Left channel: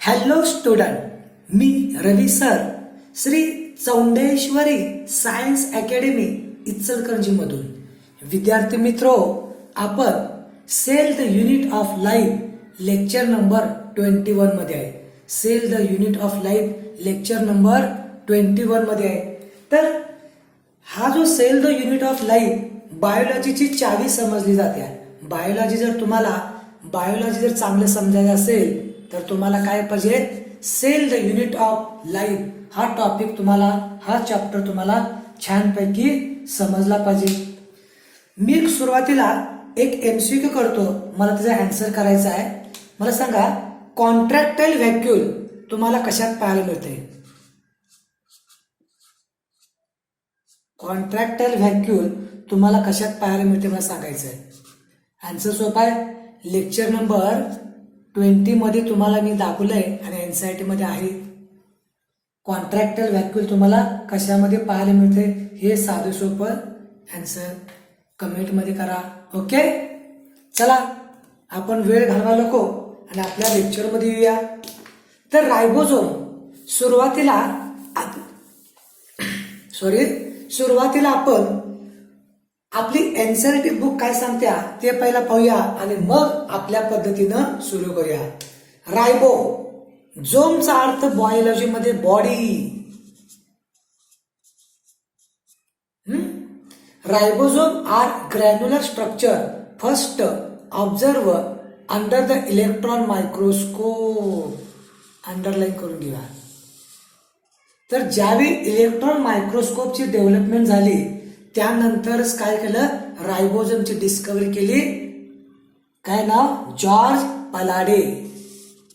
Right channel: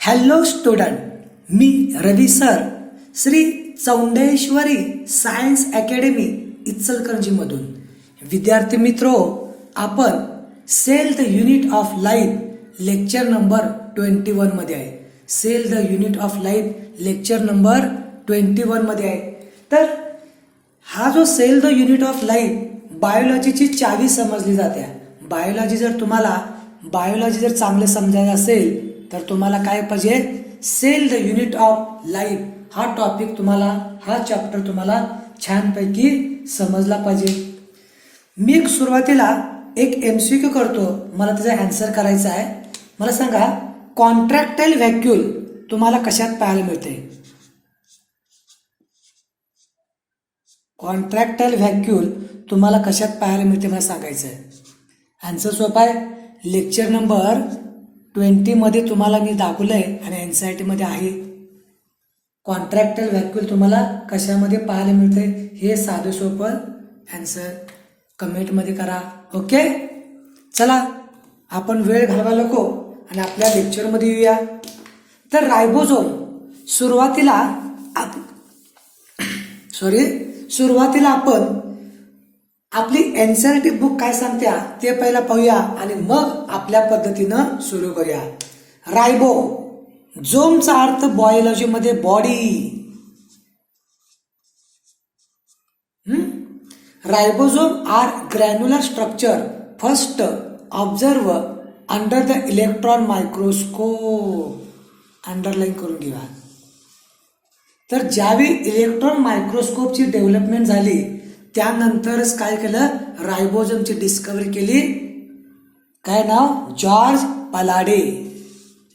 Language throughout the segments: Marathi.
हॅलो स्टुडंट, मी Ravi sir, Shri Chaundeshwari science academy इचलकरंजीमधून. विद्यार्थी मित्रो, आपण cell the unit of life lecture number 21 मध्ये आहे. Cell the unit of life lecture number 21 मध्ये आहे. तर हा जो cell the unit of life बायोलॉजीची चावी समजली जाते. बायोलॉजी जर चांगलं समजायचं असेल तर तुम्हाला काय पाहिजे, cell the unit of life हा टॉपिक तुम्हाला, हा चॅप्टर तुम्हाला छानपैकी समजला पाहिजे. मी एक सुरुवातीला एक MCQ करतो, मला त्याचा आन्सर करायचा आहे. मला सांगा, कॉन्ट्रॅक्टाईल व्हॅक्यूल तुम्हाला कशात पाहायला मिळते? कॉन्ट्रॅक्टाईल व्हॅक्यूल तुम्हाला कशात पाहायला मिळते मला सांगायचं आहे. आन्सर सोपा आहे. लेक्चर नंबर 20 मध्ये तुम्हाला मी दाखवलंय आणि NCERT मध्ये आहे. कॉन्ट्रॅक्टाईल व्हॅक्यूल तुम्हाला कशामध्ये पाहायला मिळते हे साधं सोपं आन्सर कमेंट मध्ये करा. ओके, चला आपण वेळ घालवा नको आणि आपल्या लेक्चर मध्ये येऊया. तर रायबोझोम सुरुवातीला आपण आपली NCERT बुक काय सांगत्या ते पहिला पाहूया आणि मग आपल्या पद्धतीनं सुरू करूया. रायबो झोमचा अर्थ बायोलॉजी मध्ये body. Ribosome are granular structure first observe under the electron microscope. Underline करून घ्या. तर ज्यावेळी इलेक्ट्रॉन मायक्रोस्कोपची डेव्हलपमेंट झाली त्यानंतरच काय केलं, रायबोझोमची डिस्कव्हरी केली. काय नाव? जॉर्ज पलाडे.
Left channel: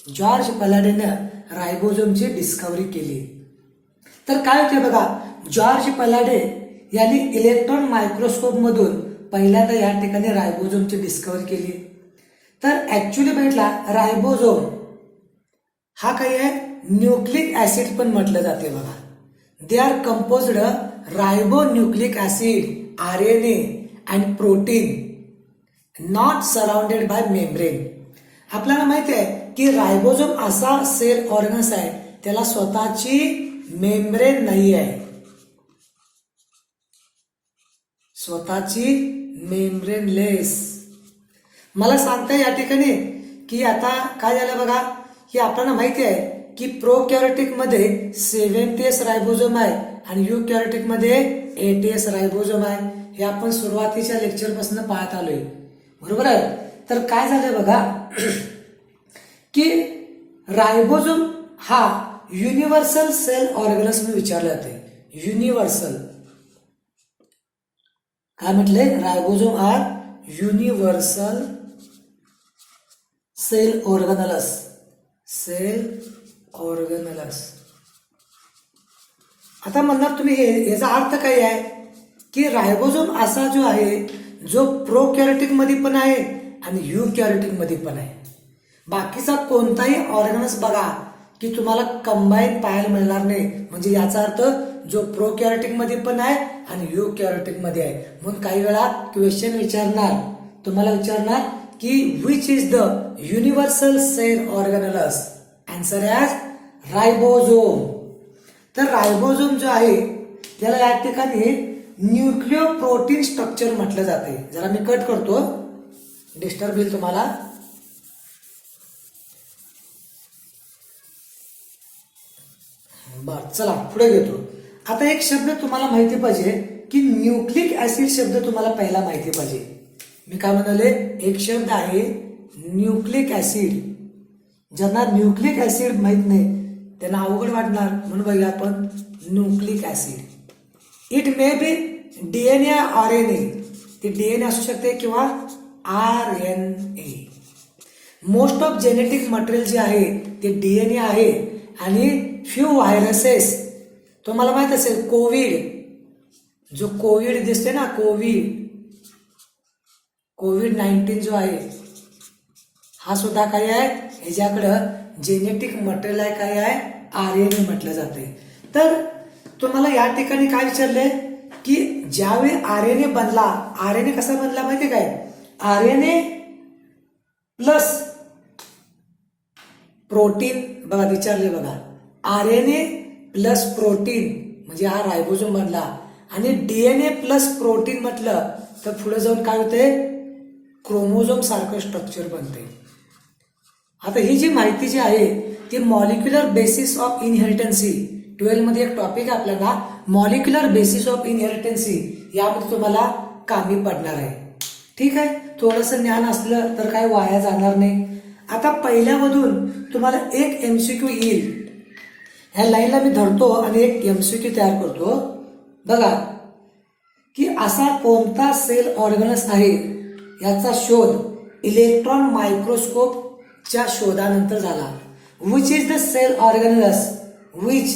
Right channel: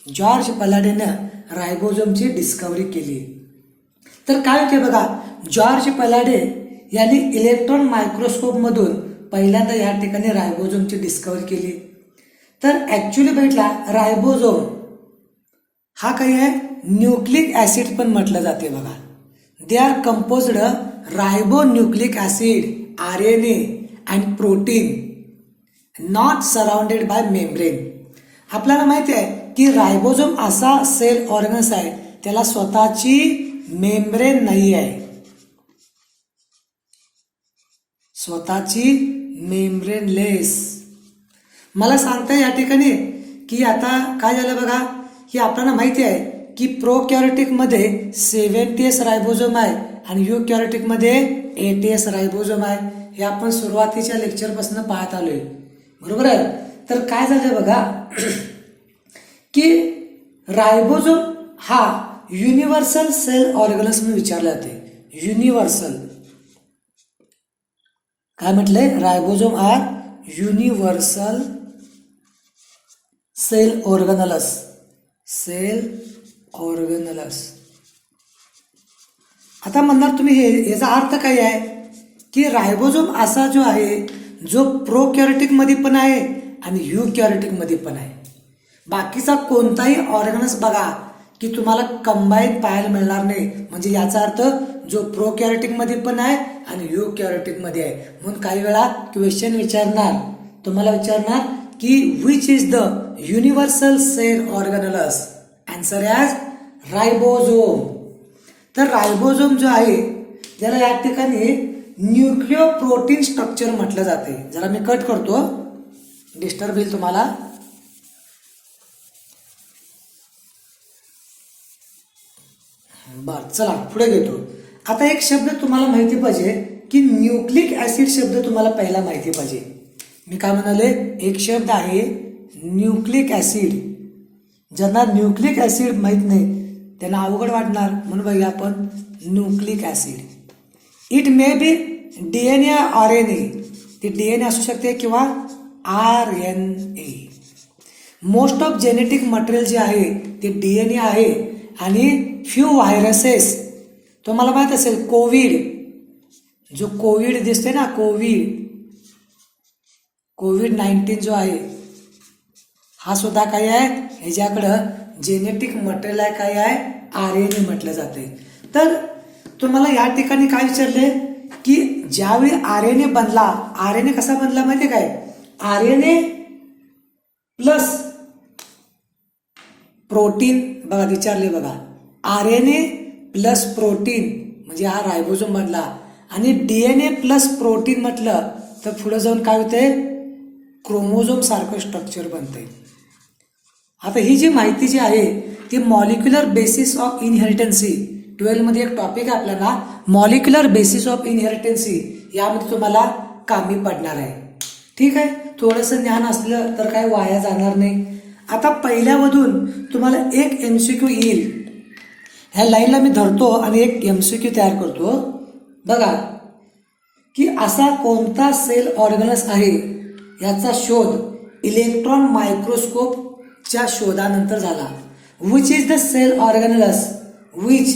जॉर्ज पलाडेनं रायबोझोमची डिस्कव्हरी केली. तर काय होते बघा, जॉर्ज पलाडे यांनी इलेक्ट्रॉन मायक्रोस्कोप मधून पहिल्यांदा या ठिकाणी रायबोझोमची डिस्कव्हरी केली. तर ऍक्च्युली बघितला, रायबोझोम हा काय आहे, न्यूक्लिक ऍसिड पण म्हटलं जाते बघा. They are composed ribonucleic acid, RNA and protein not surrounded by membrane. आपल्याला माहिती आहे की रायबोझोम असा सेल ऑर्गन्स आहे त्याला स्वतःची मेम्ब्रेन नाही आहे. स्वतःची मेम्ब्रेनलेस. मला सांगता या ठिकाणी की आता काय झालं बघा, की आपल्याला माहिती आहे की प्रोकॅरियोटिक मध्ये 70S रायबोझोम आहे आणि युकॅरियोटिक मध्ये 80S रायबोझोम आहे. हे आपण सुरुवातीच्या लेक्चर पासून पाहत आलोय, बरोबर आहे. तर काय झालं बघा की रायबोझोम हा युनिव्हर्सल सेल ऑर्गनस म्हणून विचारले जाते. युनिव्हर्सल काय म्हटलंय, ribosome are universal cell organelles. Cell organelles. आता म्हणणार तुम्ही याचा अर्थ काय आहे की रायबोझोम असा जो आहे जो प्रोकॅरियोटिक मध्ये पण आहे आणि युकॅरियोटिक मध्ये पण आहे. बाकीचा कोणताही ऑर्गनस बघा की तुम्हाला कंबाईन पाहायला मिळणार नाही. म्हणजे याचा अर्थ जो प्रोकॅरियोटिक मध्ये पण आहे आणि युकॅरियोटिक मध्ये आहे. म्हणून काही वेळा क्वेश्चन तुम्हाला विचारणार की which is the universal cell organelles. Answer as ribosome. तर रायबोझोम जो आहे त्याला या ठिकाणी न्यूक्लिओ प्रोटीन स्ट्रक्चर म्हटलं जाते. जरा मी कट करतो, डिस्टर्ब होईल तुम्हाला. बर, चला पुढे घेतो. आता एक शब्द तुम्हाला माहिती पाहिजे की न्यूक्लिक ऍसिड शब्द तुम्हाला पहिला माहिती पाहिजे. मी काय म्हणाले, एक शब्द आहे न्यूक्लिक ऍसिड. ज्यांना न्यूक्लिक ऍसिड माहित नाही त्यांना अवघड वाटणार, म्हणून बघूया आपण nucleic acid. It may be DNA RNA. ते DNA असू शकते किंवा RNA. Most of genetic material जे आहे ते DNA आहे आणि फ्यू व्हायरसेस तुम्हाला माहित असेल, जो कोविड दिसते ना, कोविड-19 जो आहे हा सुद्धा काय आहे, ह्याच्याकडं जेनेटिक मटेरियल आहे, काय आहे, RNA म्हटलं जाते. तर तुम्हाला या ठिकाणी काय विचारलंय की ज्यावेळी RNA बनला, RNA कसा बनला माहितीये काय, RNA प्लस प्रोटीन बघा विचारले बघा, RNA प्लस प्रोटीन म्हणजे हा रायबोझोम मधला, आणि DNA प्लस प्रोटीन म्हटलं तर पुढे जाऊन काय होते, क्रोमोझोम सारखं स्ट्रक्चर बनते. आता ही जी माहिती जी आहे ती मॉलिक्युलर बेसिस ऑफ इनहेरिटन्सी 12 मध्ये एक टॉपिक आहे आपल्याला, मॉलिक्युलर बेसिस ऑफ इनहेरिटन्सी, यामध्ये तुम्हाला कामी पडणार आहे. ठीक आहे, थोडंसं ज्ञान असलं तर काय वाया जाणार नाही. आता पहिल्यामधून तुम्हाला एक MCQ येईल, ह्या लाईनला मी धरतो आणि एक MCQ तयार करतो. बघा की असा कोणता सेल ऑर्गनस आहे याचा शोध इलेक्ट्रॉन मायक्रोस्कोपच्या शोधानंतर झाला. Which is the cell organelles which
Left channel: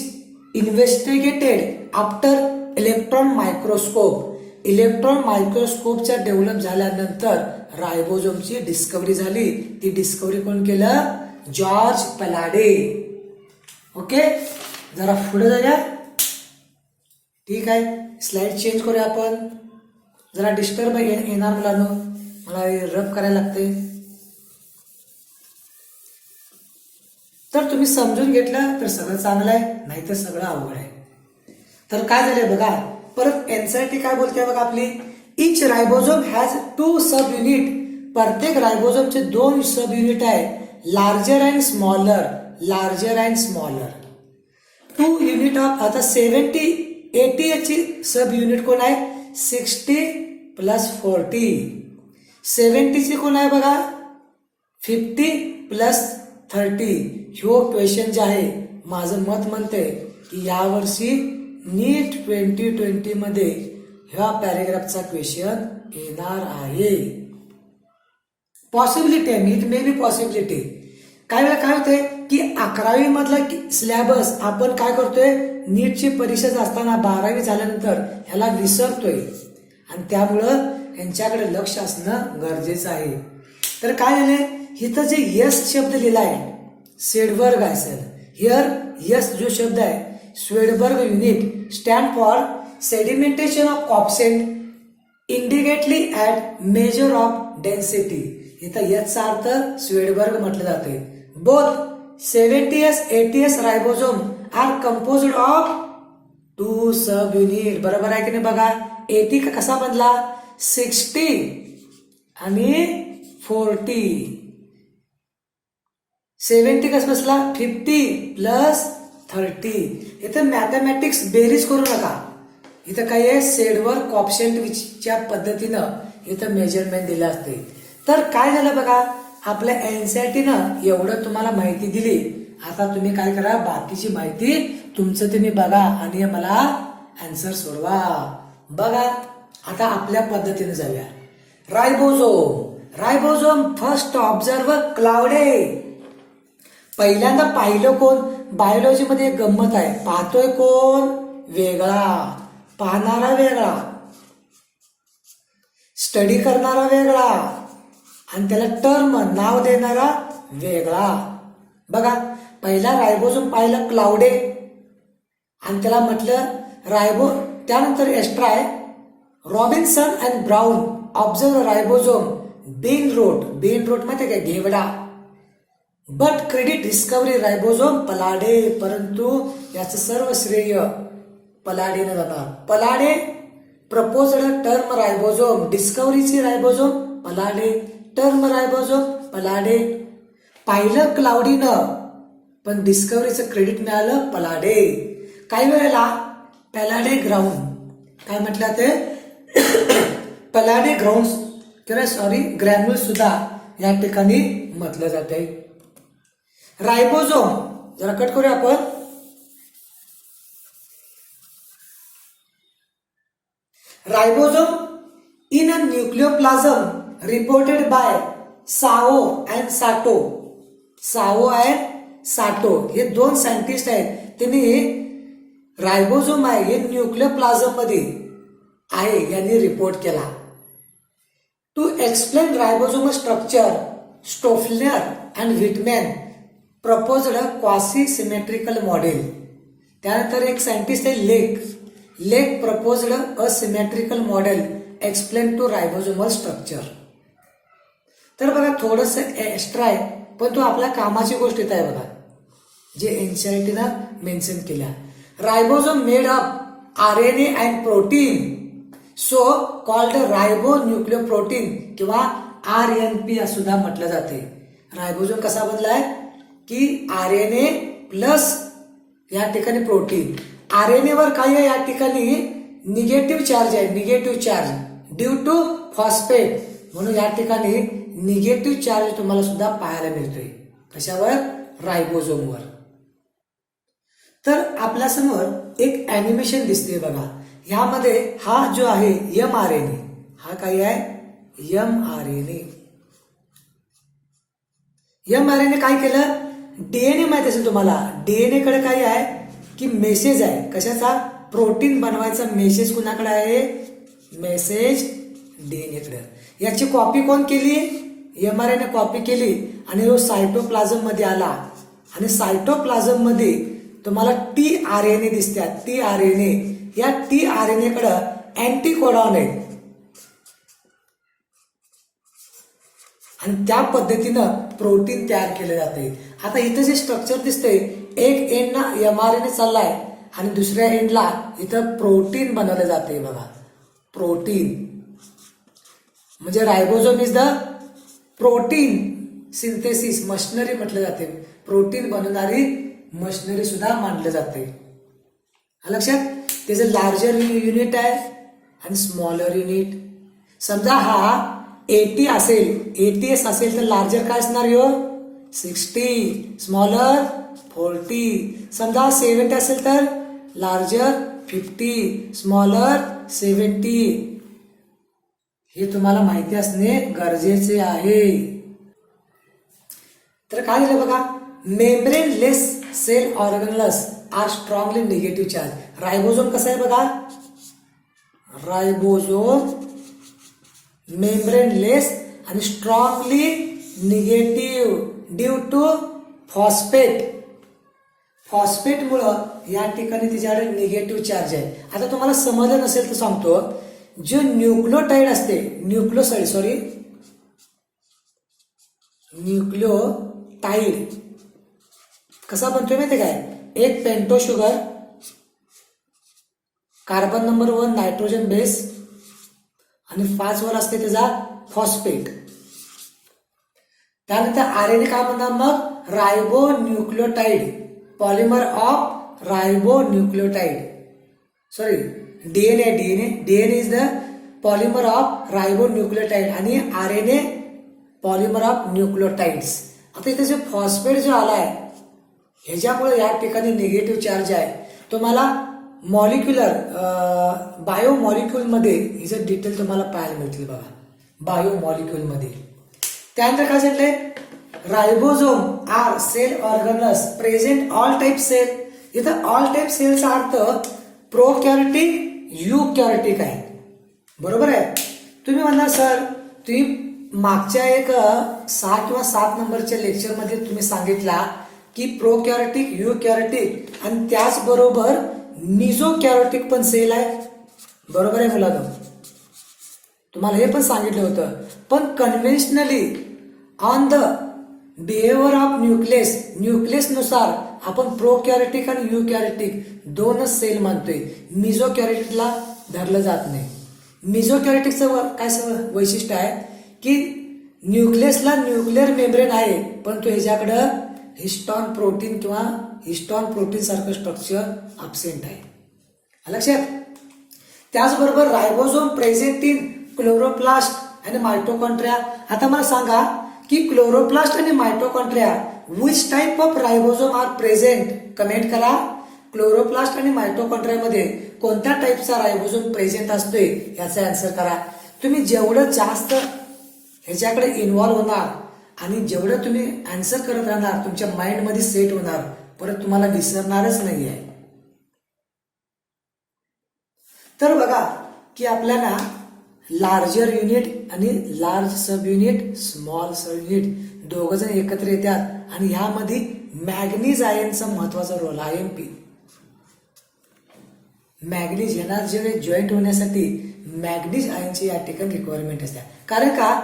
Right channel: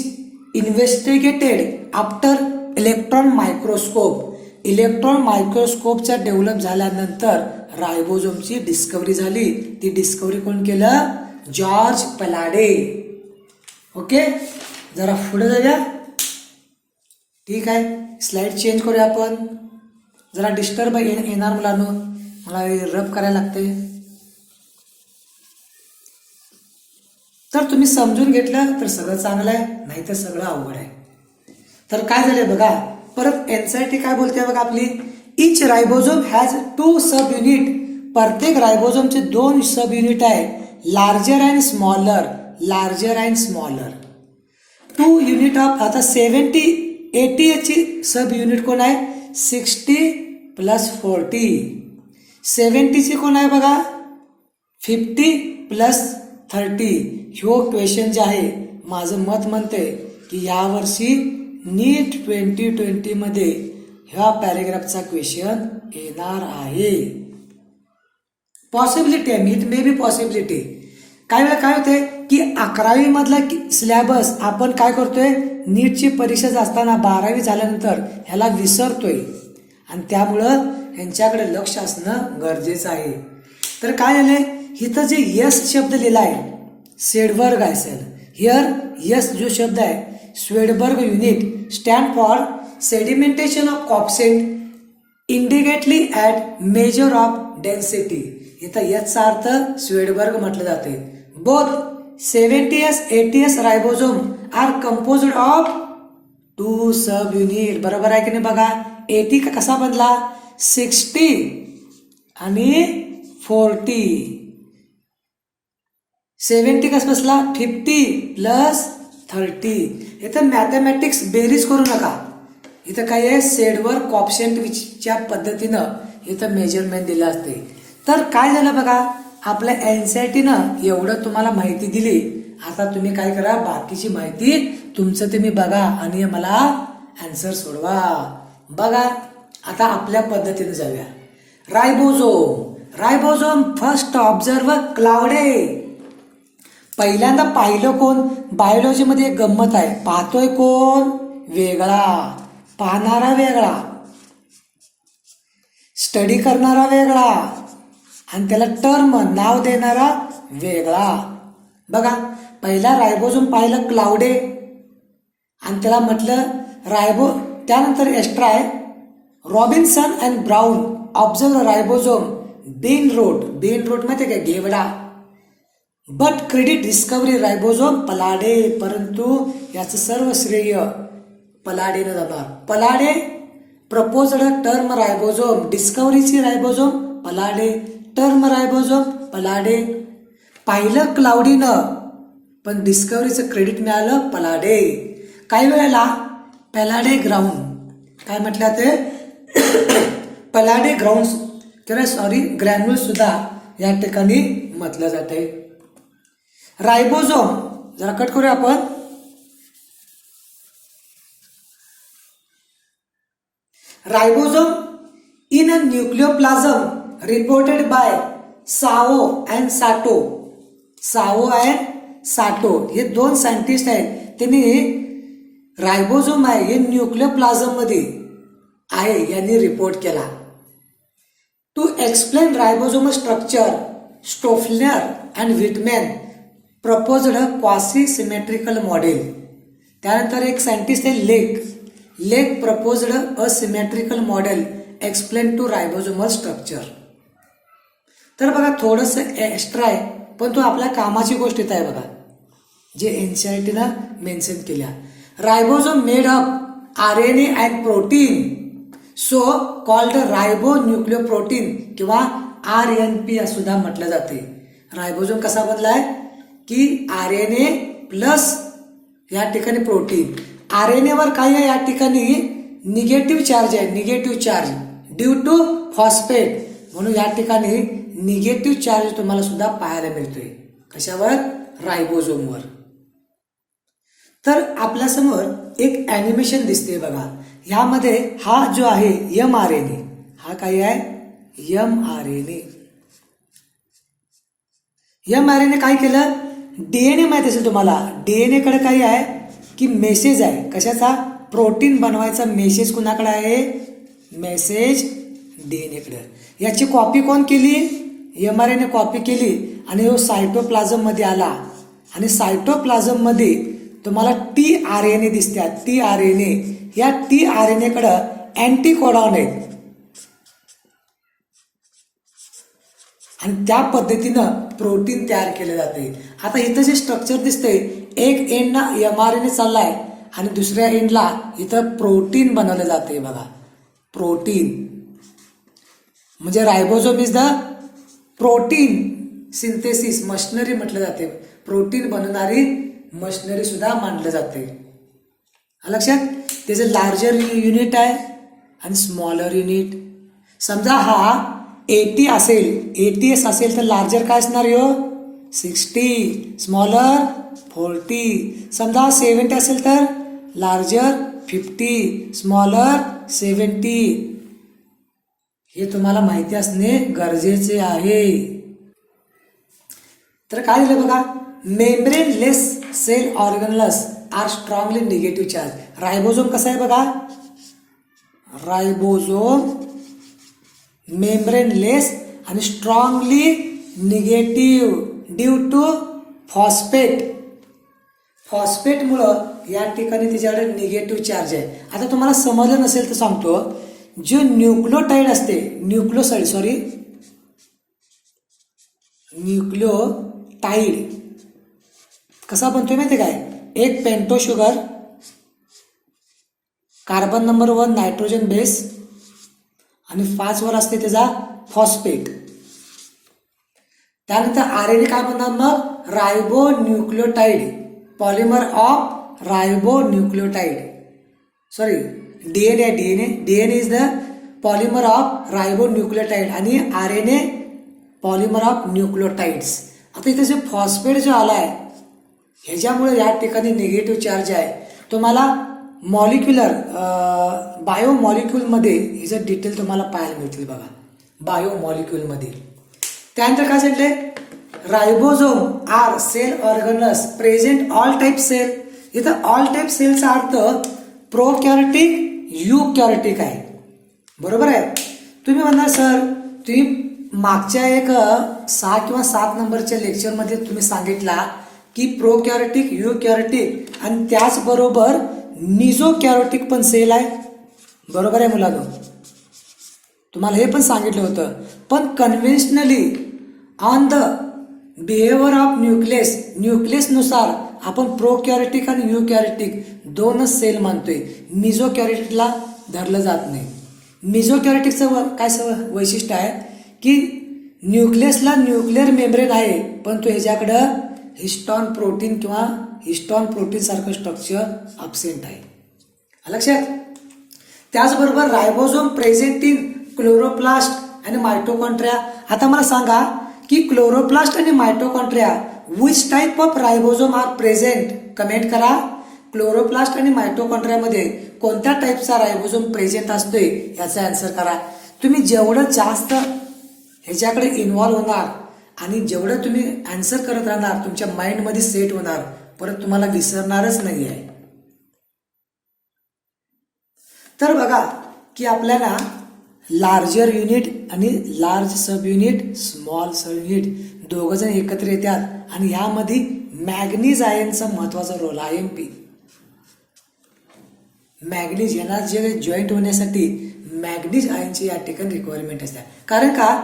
investigated after electron microscope. Electron मायक्रोस्कोपच्या डेव्हलप झाल्यानंतर रायबोझोमची डिस्कव्हरी झाली. ती डिस्कव्हरी कोण केलं, जॉर्ज पलाडे. ओके, जरा पुढे जाऊया. ठीक आहे, स्लाइड चेंज करूया आपण. जरा डिस्टर्ब येणार मुलांनो, मला रब करायला लागते. तर तुम्ही समजून घेतलं तर सगळं चांगलं आहे, नाही तर सगळं अवघड आहे. तर काय झालंय बघा, परत एनसीईआरटी काय बोलते बघा आपली, इच रायबोझोम हॅज 2 सब युनिट. प्रत्येक रायबोझोमचे 2 सब युनिट आहे, larger and smaller. Larger and smaller 2 unit of. आता 80 ची सब युनिट कोण आहे, 60 प्लस 40. 70 ची कोण आहे बघा, 50 प्लस 30. ह्यो क्वेश्चन जे आहे, माझं मत म्हणते की यावर्षी नीट 2020 मध्ये ह्या पॅरेग्राफचा क्वेश्चन येणार आहे. पॉसिबिलिटी आहे, इट मे बी पॉसिबिलिटी. काय वेळा काय होतंय की 11वी मधला सिलेबस आपण काय करतोय, नीटची परीक्षा असताना 12वी झाल्यानंतर ह्याला विसरतोय, आणि त्यामुळं यांच्याकडे लक्ष असणं गरजेचं आहे. तर काय झालंय, इथं जे यस शब्द लिहिला आहे स्वेडबर्ग असेल, हिअर यस जो शब्द आहे Svedberg unit stand for sedimentation of coefficient indicated at measure of density. इथं याचा अर्थ स्वेडबर्ग म्हटलं जाते. Both 70s 80s ribosome are composed of 2 subunit. बरोबर आहे की नाही बघा. 80 कसा बनला, 60 आणि 40. 70 कसं बसला, 50 प्लस 30. इथं मॅथमॅटिक्स बेरीज करू नका. इथं काय आहे, सेडवर्ग कॉप्शनच्या पद्धतीनं इथं मेजरमेंट दिलं असते. तर काय झालं बघा, आपल्या एनसीईआरटीनं एवढं तुम्हाला माहिती दिली. आता तुम्ही काय करा, बाकीची माहिती तुमचं तुम्ही बघा आणि मला आन्सर सोडवा. बघा आता आपल्या पद्धतीने जाऊया. Ribosome first observe Claude. पहिल्यांदा पाहिलं कोण, बायोलॉजी मध्ये एक गंमत आहे, पाहतोय कोण वेगळा, पाहणारा वेगळा, स्टडी करणारा वेगळा, आणि त्याला टर्म नाव देणारा वेगळा. बघा पहिला रायबोझोम पाहिलं क्लाउडे, आणि त्याला म्हटलं त्यानंतर एक्स्ट्रा आहे Robinson and Brown observe ribosome bean root माहिती आहे का, घेवडा. But credit discovery ribosome Palade. परंतु याचं सर्व श्रेय पलाडेनं जाणार. पलाडे प्रपोज्ड टर्म रायबोझोम, डिस्कवरीची ribosome Palade, term ribosome Palade. पाहिलं क्लाउडीनं पण डिस्कवरीचं क्रेडिट मिळालं पलाडे. काही वेळेला पलाडे ग्राउंड काय म्हटलं ते पलाडे ग्राउंड ग्रॅन्युल सुद्धा या ठिकाणी म्हटलं जाते. रायबोझोम जरा कट करूया आपण. Ribosome in a nucleoplasm reported by Sao and Sato. Sao and Sato हे 2 सायंटिस्ट आहेत. त्यांनी रायबोझोम आहे हे न्यूक्लियोप्लाझम मध्ये आहे यांनी रिपोर्ट केला. To explain ribosome structure Stoffler and Wittmann proposed quasi symmetrical model. त्यानंतर एक सायंटिस्ट आहे Lake proposed a symmetrical model explain to ribosomal structure. तर बघा थोडंसं एक्स्ट्रा आहे, पण तो आपल्या कामाची गोष्ट येत आहे बघा, जे एनसीईआरटीनं मेन्शन केल्या. Ribosome made up RNA and protein, so called ribonucleoprotein किंवा RNP सुद्धा म्हटलं जाते. रायबोसोम कसा बनलाय की RNA प्लस या ठिकाणी प्रोटीन. RNA वर काय आहे या ठिकाणी निगेटिव्ह चार्ज आहे, negative charge due to phosphate, म्हणून या ठिकाणी निगेटिव्ह चार्ज तुम्हाला सुद्धा पाहायला मिळतोय. कशावर? रायबोसोमवर. तर आपल्यासमोर एक ॲनिमेशन दिसते बघा. ह्यामध्ये हा जो आहे mRNA, हा काय आहे mRNA. mRNA काय केलं? डीएनए माहित असेल तुम्हाला, डीएनए कडे काय आहे की मेसेज आहे. कशाचा? प्रोटीन बनवायचा मेसेज कुणाकडे आहे? मेसेज डीएनए कडे. याची कॉपी कोण केली? mRNA कॉपी केली आणि तो सायटोप्लाझम मध्ये आला आणि सायटोप्लाझम मध्ये तुम्हाला tRNA दिसतात. tRNA, या tRNA कडे अँटीकोडॉन आहेत आणि त्या पद्धतीनं प्रोटीन तयार केलं जाते. आता इथं जे स्ट्रक्चर दिसतंय, एक एंडला mRNA चाललाय आणि दुसऱ्या एंडला इथं प्रोटीन बनवलं जाते बघा. प्रोटीन म्हणजे ribosome is the protein synthesis machinery म्हटलं जाते. प्रोटीन बनवणारी मशिनरी सुद्धा मानलं जाते. लक्षात? त्याचं लार्जर युनिट आहे आणि स्मॉलर युनिट. समजा हा 80 असेल, 80s असेल तर लार्जर काय असणार यो 60, स्मॉलर 40. समजा 70 असेल तर लार्जर 50, स्मॉलर 70. हे तुम्हाला माहिती असणे गरजेचे आहे. तर काय झालं बघा, membrane less cell organelles are strongly negative charge. Ribosome कसा आहे बघा, रायबोसोम मेम्ब्रेन लेस आणि strongly negative due to phosphate. फॉस्फेटमुळं या ठिकाणी तिच्याकडे निगेटिव्ह चार्ज आहे. आता तुम्हाला समजलं नसेल तर सांगतो, जो न्यूक्लियोटाइड असते, न्यूक्लियोटाइड कसा बनतोय माहिती काय? एक pento sugar, carbon number 1 nitrogen base आणि 5 वर असते त्याचा फॉस्फेट. त्यानंतर RNA काय म्हणतात मग? Ribonucleotide, polymer of ribonucleotide. DNA is the polymer of ribonucleotide आणि RNA पॉलिमर ऑफ न्यूक्लियोटाइड्स. आता इथे जे फॉस्फेट जो आलाय ह्याच्यामुळे या ठिकाणी निगेटिव्ह चार्ज आहे. तुम्हाला मॉलिक्युलर बायोमॉलिक्युल मध्ये ह्याचे डिटेल तुम्हाला पाहायला मिळतील बघा, बायोमॉलिक्युल मध्ये. त्यानंतर काय सांगितलंय? Ribosome are cell organelles present all type cell. इथं ऑल टाइप सेलचा अर्थ प्रोकॅरियोटिक, युकॅरियोटिक आहे. बरोबर आहे? तुम्ही म्हणणार सर, तुम्ही मागच्या एक 6 किंवा 7 नंबरच्या लेक्चरमध्ये तुम्ही सांगितला की प्रोकॅरियोटिक, युकॅरियोटिक आणि त्याचबरोबर मिझोकॅरियोटिक पण सेल आहे. बरोबर आहे मुलांनो? तुम्हाला हे पण सांगितलं होतं. पण conventionally on the behaviour of nucleus नुसार आपण प्रोकॅरियोटिक आणि युकॅरियोटिक दोनच सेल मानतोय. मिझोकॅरियोटिकला धरलं जात नाही. मिझोकॅरियोटिकचं काय वैशिष्ट्य आहे की न्यूक्लियसला न्यूक्लिअर मेम्ब्रेन आहे, पण तो ह्याच्याकडं हिस्टॉन प्रोटीन किंवा हिस्टॉन प्रोटीन सारखं स्ट्रक्चर अब्सेंट आहे. लक्षात? त्याचबरोबर रायबोसोम प्रेझेंट इन क्लोरोप्लास्ट आणि मायटोकॉन्ड्रिया. आता मला सांगा की क्लोरोप्लास्ट आणि mitochondria which type of ribosome are present? Comment करा. क्लोरोप्लास्ट आणि मायटोकॉन्ड्रियामध्ये कोणत्या टाईपचा रायबोसोम प्रेझेंट असतोय याचा आन्सर करा. तुम्ही जेवढं जास्त ह्याच्याकडे इन्व्हॉल्व्ह होणार आणि जेवढं तुम्ही आन्सर करत राहणार तुमच्या माइंडमध्ये सेट होणार, परत तुम्हाला विसरणारच नाही आहे. तर बघा की आपल्याला लार्जर युनिट आणि large sub unit, small sub unit दोघं जण एकत्र येतात आणि ह्यामध्ये मॅग्नीज आयनचा महत्वाचा रोल आहे. MP मॅग्नीज यांना जे जॉईंट होण्यासाठी मॅग्नीज आयनची या ठिकाणी रिक्वायरमेंट असते. कारण का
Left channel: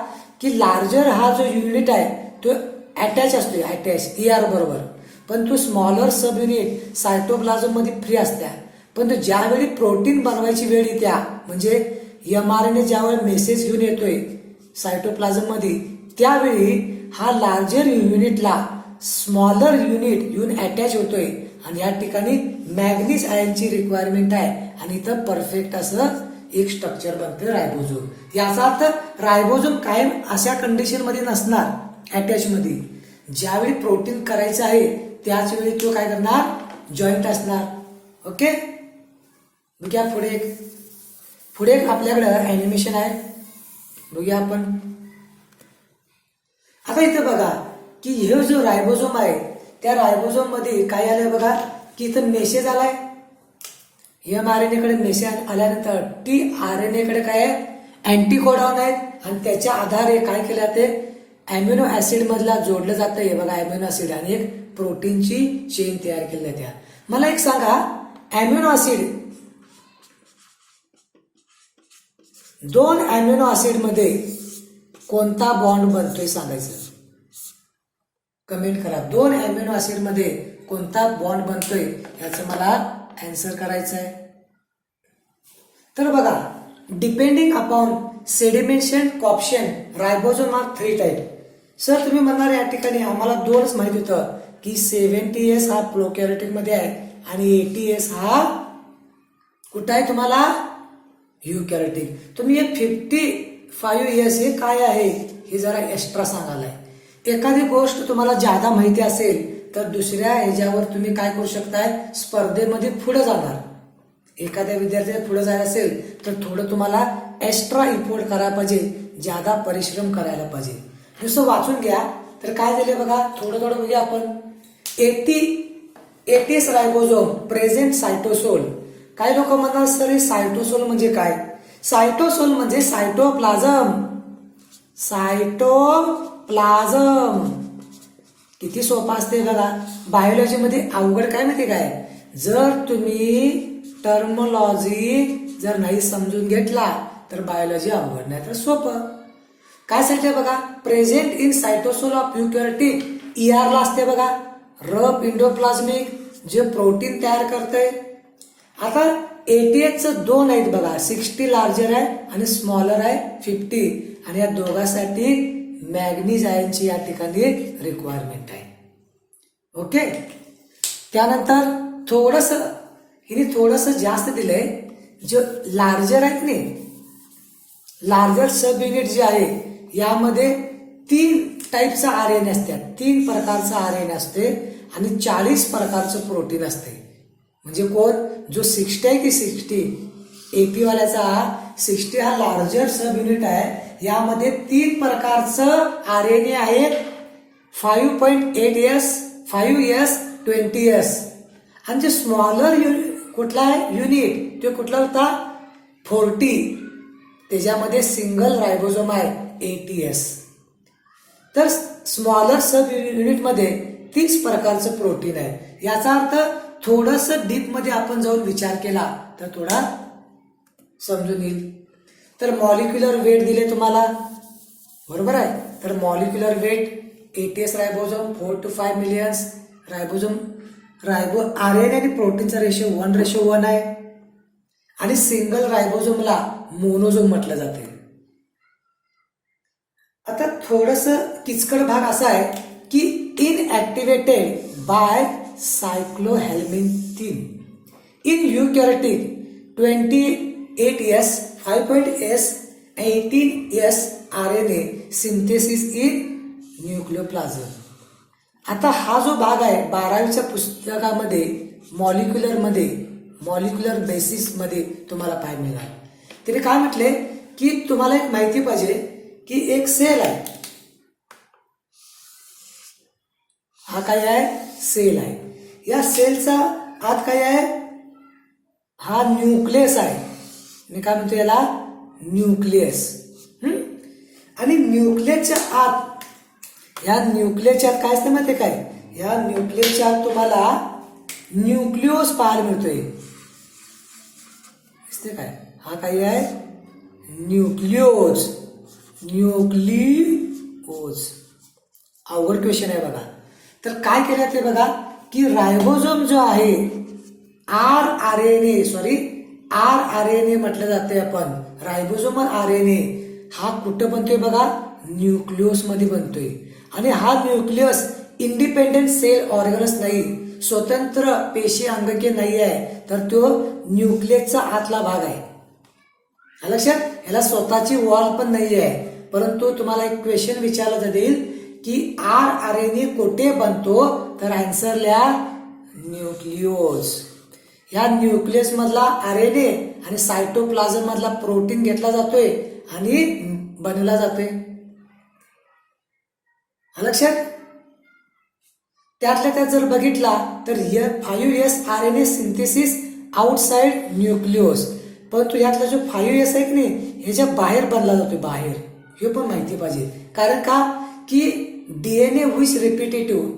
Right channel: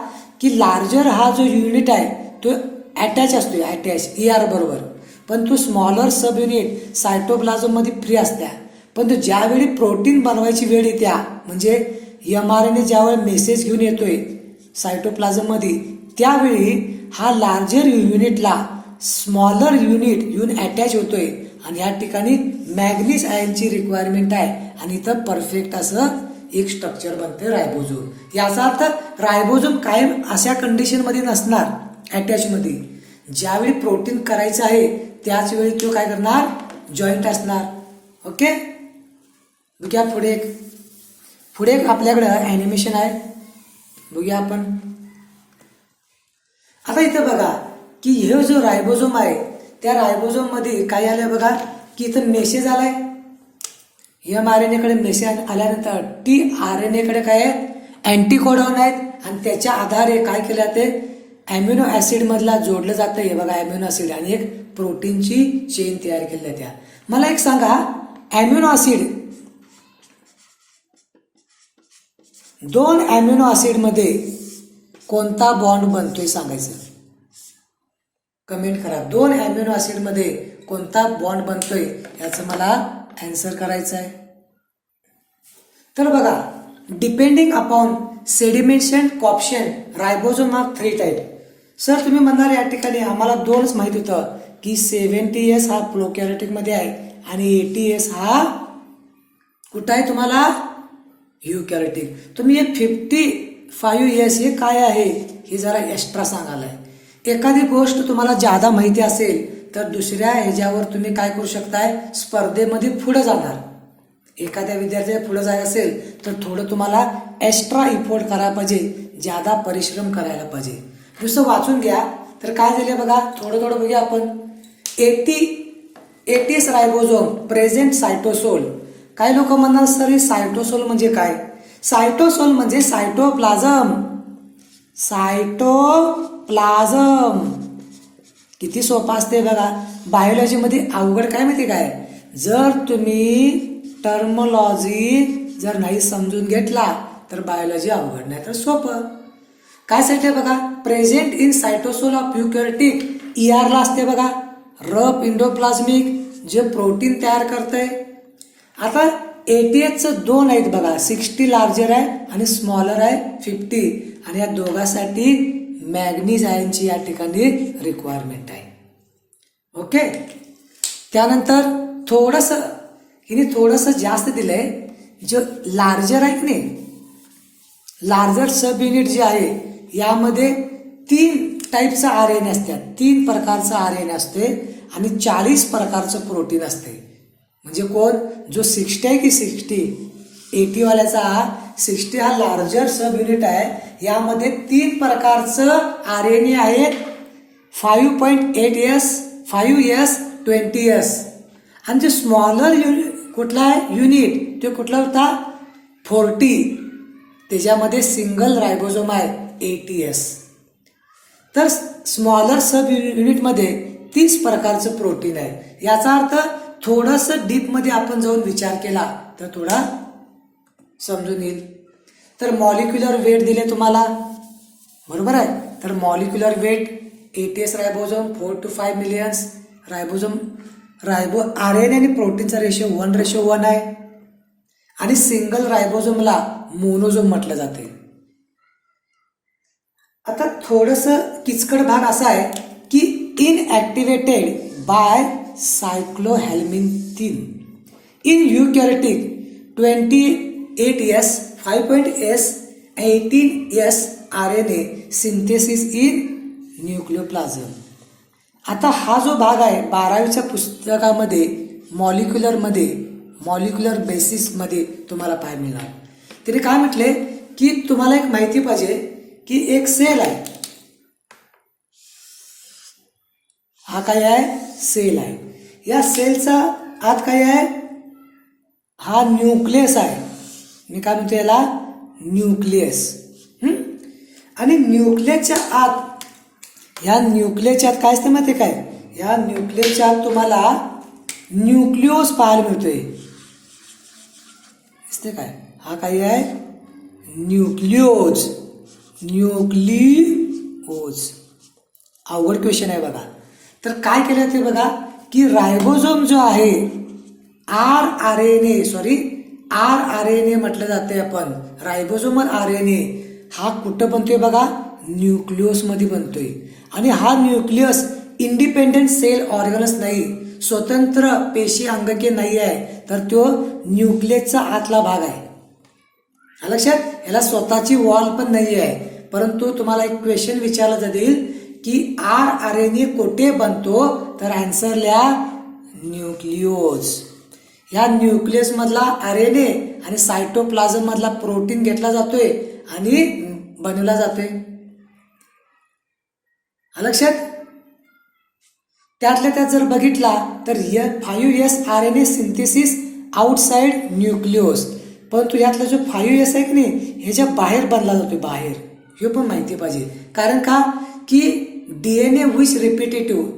की लार्जर हा जो युनिट आहे तो अटॅच असतो, अटॅच ER बरोबर. पण तो स्मॉलर सब युनिट सायटोप्लाझम मध्ये फ्री असत्या. पण तो ज्यावेळी प्रोटीन बनवायची वेळ येत्या, म्हणजे mRNA ज्यावेळी मेसेज घेऊन येतोय सायटोप्लाझम मध्ये, त्यावेळी हा लार्जर युनिटला स्मॉलर युनिट येऊन अटॅच होतोय आणि या ठिकाणी मॅग्नीज आयनची रिक्वायरमेंट आहे आणि इथं परफेक्ट असं एक स्ट्रक्चर बनते रायबोझोम. याचा अर्थ रायबोझोम कायम अशा कंडिशन मध्ये नसणार अटॅच मध्ये. ज्यावेळी प्रोटीन करायचं आहे त्याच वेळी तो काय करणार, जॉईंट असणार. ओके, बघूया पुढे एक आपल्याकडे अॅनिमेशन आहे, बघूया आपण. आता इथं बघा की हे जो रायबोझोम आहे त्या रायबोझोम मध्ये काय आलंय बघा की इथं मेसेज आलाय. mRNA कडे मेसेज आल्यानंतर tRNA कडे काय आहे, अँटीकोडॉन आहेत आणि त्याच्या आधारे काय केलं जाते, अॅमिनो ऍसिड मधला जोडलं जातं. हे बघा अॅमिनो ऍसिड आणि एक प्रोटीनची चेन तयार केली जाते. मला एक सांगा, अॅमिनो ऍसिड, दोन अॅमिनो ऍसिड मध्ये कोणता बॉन्ड बनतोय सांगायचं, कमेंट करा. दोन अॅमिनो ऍसिड मध्ये कोणता बॉन्ड बनतोय याचं मला आन्सर करायचं आहे. तर बघा, depending upon sedimentation coefficient ribosome are 3 type. Sir तुम्ही म्हणणार या ठिकाणी आम्हाला दोनच माहित होतं की 70S हा प्रोकॅरियोटिक मध्ये आहे आणि 80S हा कुठं आहे तुम्हाला, युकॅरियोटिक. तुम्ही हे 55S हे काय आहे हे जरा एक्स्ट्रा सांगायलाय. एखादी गोष्ट तुम्हाला जादा माहिती असेल तर दुसऱ्या ह्याच्यावर तुम्ही काय करू शकताय, स्पर्धेमध्ये पुढे जाणार. एखाद्या विद्यार्थ्याला पुढे जायचं असेल तर थोडं तुम्हाला एक्स्ट्रा इफोर्ट करायला पाहिजे, जादा परिश्रम करायला पाहिजे. जसं वाचून घ्या तर काय झालं बघा, थोडं बघूया आपण. 80S ribosome present सायटोसोल. काही लोक म्हणणार सर हे सायटोसोल म्हणजे काय, सायटोसोल म्हणजे सायटोप्लाझम. सायटोप्लाझम किती सोपा असते बघा. बायोलॉजी मध्ये अवघड काय माहिती काय, जर तुम्ही टर्मोलॉजी जर नाही समजून घेतला तर बायोलॉजी अवघड, नाही तर सोपं. काय सांगितलं बघा, प्रेझेंट इन सायटोसोल ऑफ युकॅरियोटिक, ER ला असते बघा, रफ इंडोप्लाझमिक जे प्रोटीन तयार करते. आता 80S दोन आहेत बघा, 60 लार्जर आहे आणि स्मॉलर आहे 50, आणि या दोघांसाठी मॅग्नीज आयनची या ठिकाणी रिक्वायरमेंट आहे. ओके, त्यानंतर थोडस जास्त दिलंय. जो लार्जर आहे की नाही, लार्जर सब युनिट जे आहे यामध्ये 3 टाईपचा RNA असतात, 3 प्रकारचा RNA असते आणि 40 प्रकारचं प्रोटीन असते. म्हणजे कोण, जो 60 आहे की 80 वाल्याचा 60 हा लार्जर सब युनिट आहे. यामध्ये 3 प्रकारचं RNA आहेत, 5.8S, 5S, 20S. आणि जे स्मॉलर कुठला आहे युनिट, तो कुठला होता, 40, त्याच्यामध्ये सिंगल रायबोझोम आहे 80S. तर स्मॉलर सब युनिट मध्ये 30 प्रकारचं प्रोटीन आहे. याचा अर्थ थोडस डीप मध्ये आपण जाऊन विचार केला तर थोडा समजून येईल. तर मॉलिक्युलर वेट दिले तुम्हाला, बरोबर आहे. तर molecular weight 80S ribosome 4 to 5 millions. RNA आणि प्रोटीनचा रेशो 1:1 आहे आणि सिंगल रायबोझोमला मोनोझोम म्हटलं जाते. आता थोडस किचकट भाग असा आहे की inactivated by cycloheximide in eukaryotic 28S, 5.S, 18S RNA synthesis in nucleoplasm. आता हा जो भाग आहे 12वीच्या पुस्तकामध्ये मॉलिक्युलर बेसिस मध्ये तुम्हाला पाहायला मिळणार. तिने काय म्हटले की तुम्हाला एक माहिती पाहिजे की एक सेल आहे, हा काय आहे, सेल आहे. या सेलचा आत काय आहे, हा न्यूक्लियस आहे. मी काय म्हणतो याला, न्यूक्लियस. आणि न्यूक्लियसच्या आत, ह्या न्यूक्लियसच्या आत काय असते माहिती काय, ह्या न्यूक्लियसच्या आत तुम्हाला न्यूक्लिओज पाहायला मिळतोय. दिसते काय, हा काय आहे, न्यूक्लिओज. अवघड क्वेश्चन आहे बघा. तर काय केलं ते बघा की रायबोझोम जो आहे आर आर एन ए म्हटलं जाते आपण. रायबोझोमल आर एन ए हा कुठं बनतोय बघा, न्यूक्लियस मध्ये बनतोय. आणि हा न्यूक्लियस इंडिपेंडेंट सेल ऑर्गनस नाही, स्वतंत्र पेशी अंगके नाही आहे, तर तो न्यूक्लियसचा आतला भाग आहे. लक्षात, याला स्वतःची वॉल पण नाही आहे. परंतु तुम्हाला एक क्वेश्चन विचारला जाईल की आर एन ए कोठे बनतो, तर आन्सर लिहा न्यूक्लियोस. या न्यूक्लियस मधला आरएनए आणि सायटोप्लाझम मधला प्रोटीन घेतला जातोय आणि बनवला जातोय. लक्षात, त्यातल्या त्यात जर बघितला तर 5S RNA सिंथेसिस आउटसाइड न्यूक्लियोस. परंतु यातला जो 5S आहे की नाही, ह्याच्या बाहेर बनला जातोय, बाहेर. हे पण माहिती पाहिजे. कारण का की DNA which repetitive,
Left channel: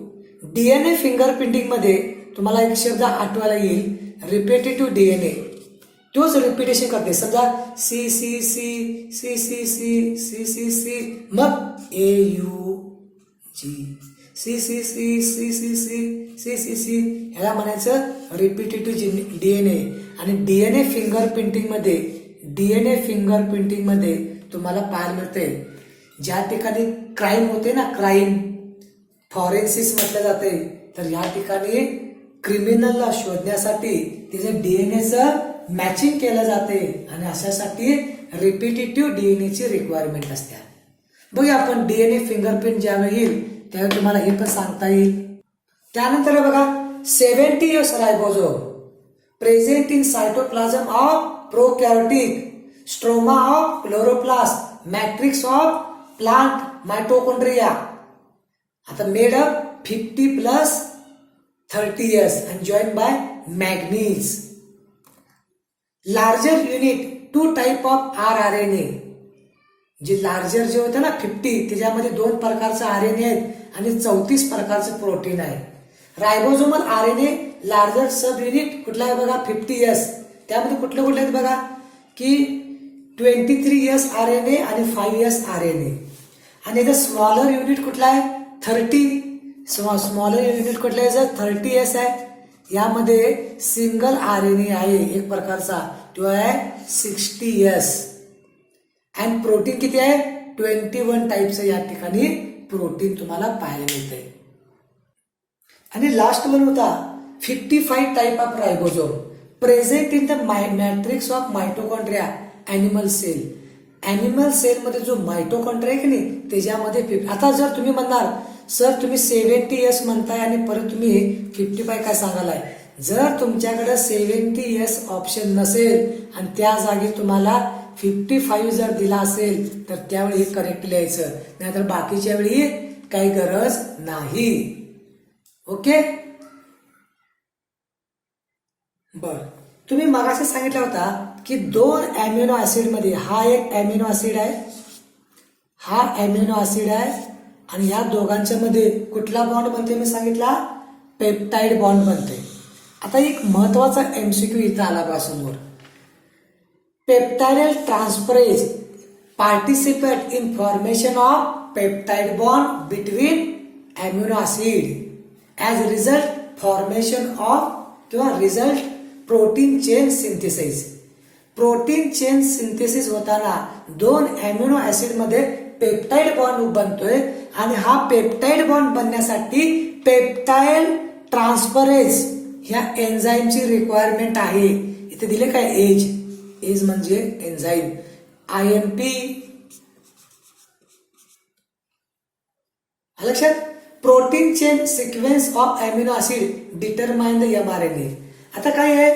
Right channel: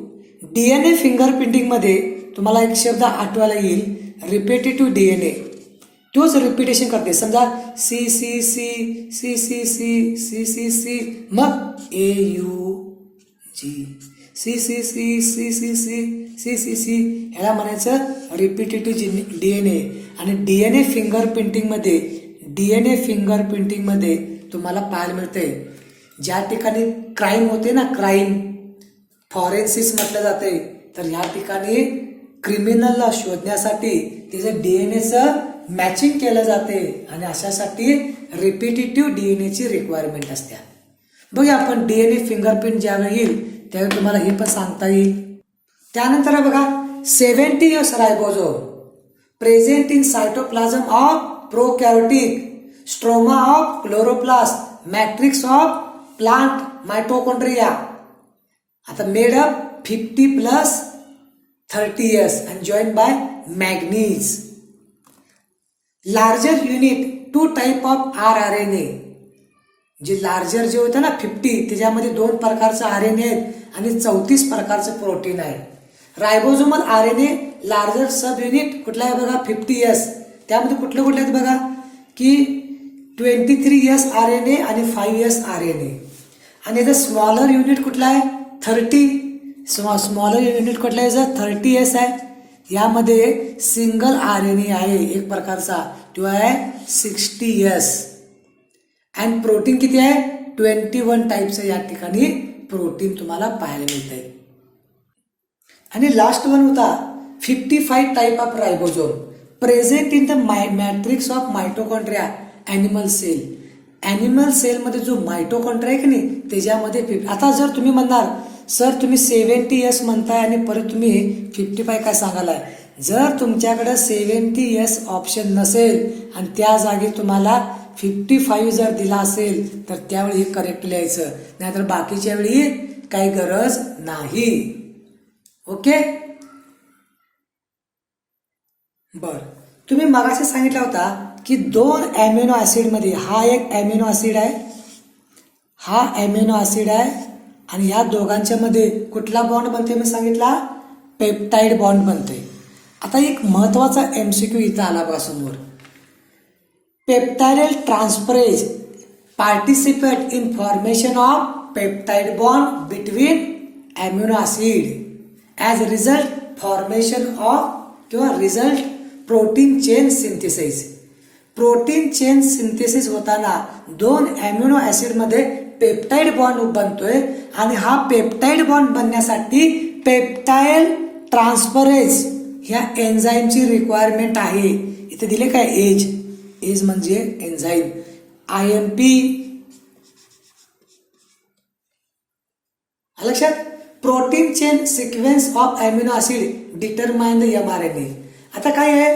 DNA fingerprinting मध्ये तुम्हाला एक शब्द आठवायला येईल, रिपिटेटिव्ह डीएनए. तोच रिपिटेशन करते. समजा C C C C C C C C C मग AUG C C C C C C C C C ह्याला म्हणायचं रिपिटेटिव्ह डीएनए. आणि डीएनए फिंगरप्रिंटिंग मध्ये तुम्हाला पाहायला मिळते ज्या ठिकाणी क्राईम होते ना, क्राईम फॉरेन्सिस म्हटलं जाते, तर या ठिकाणी क्रिमिनलला शोधण्यासाठी त्याच्या डीएनएचं मॅचिंग केलं जाते आणि अशासाठी रिपिटेटिव्ह डीएनएची रिक्वायरमेंट असते. बघा आपण डीएनए फिंगरप्रिंट ज्यावेळी येईल त्यावेळी तुम्हाला हे पण सांगता येईल. त्यानंतर बघा 70S ribosome present in cytoplasm of prokaryotic, stroma of chloroplast, matrix of plant mitochondria. आता made up 50+30S and joined by manganese. Larger unit, 2 type of rRNA. जे लार्जर जे होते ना 50, त्याच्यामध्ये 2 प्रकारचे आरएनए आहेत आणि 34 प्रकारचं प्रोटीन आहे. रायबोझोमल आरएनए लार्जर सब युनिट कुठला आहे बघा 50S. त्यामध्ये कुठले कुठले आहेत बघा की 23S आरएनए आणि 5S आरएनए. आणि याचा स्मॉलर युनिट कुठला आहे 30. स्मॉलर युनिट कुठला आहे 30S आहे. यामध्ये सिंगल आरएनए आहे एक प्रकारचा, तो आहे 60S. आणि प्रोटीन किती आहे 21 टाइप्स या ठिकाणी प्रोटीन तुम्हाला पाहायला मिळते. आणि लास्ट वन होता 55 type of ribosome present in the matrix of mitochondria animal cell. Animal cell मध्ये जो मायटोकॉन्ड्रिया आहे की नाही त्याच्यामध्ये. आता जर तुम्ही म्हणणार सर तुम्ही 70S म्हणताय आणि परत तुम्ही 55 काय सांगालाय, जर तुमच्याकडे 70S ऑप्शन नसेल आणि त्या जागी तुम्हाला 55 जर दिला असेल तर त्यावेळी हे करेक्ट लिहायचं, नाहीतर बाकीच्या वेळी काही गरज नाही. ओके, बर. तुम्ही मगाशी सांगितलं होता की 2 अॅमिनो ऍसिड मध्ये, हा एक अॅमिनो ऍसिड आहे, हा अॅमिनो ऍसिड आहे, आणि या दोघांच्या मध्ये कुठला बॉन्ड बनते मी सांगितला, पेप्टाइड बॉन्ड बनते. आता एक महत्वाचा MCQ इथं आला बा समोर. Peptidyl transferase participate in formation of peptide bond between amino acid as result formation of किंवा result protein chain synthesis. Protein chain synthesis होताना 2 अॅमिनो ऍसिड मध्ये पेप्टाइड बॉन्ड बनतोय आणि हा पेप्टाइड बॉन्ड बनण्यासाठी पेप्टाइड ट्रान्सफरेज ह्या एन्झाईमची रिक्वायरमेंट आहे. इथे दिले काय एज म्हणजे एन्झाईम, IMP. लक्षात, protein chain sequence of amino acid determine the mRNA. आता काय आहे,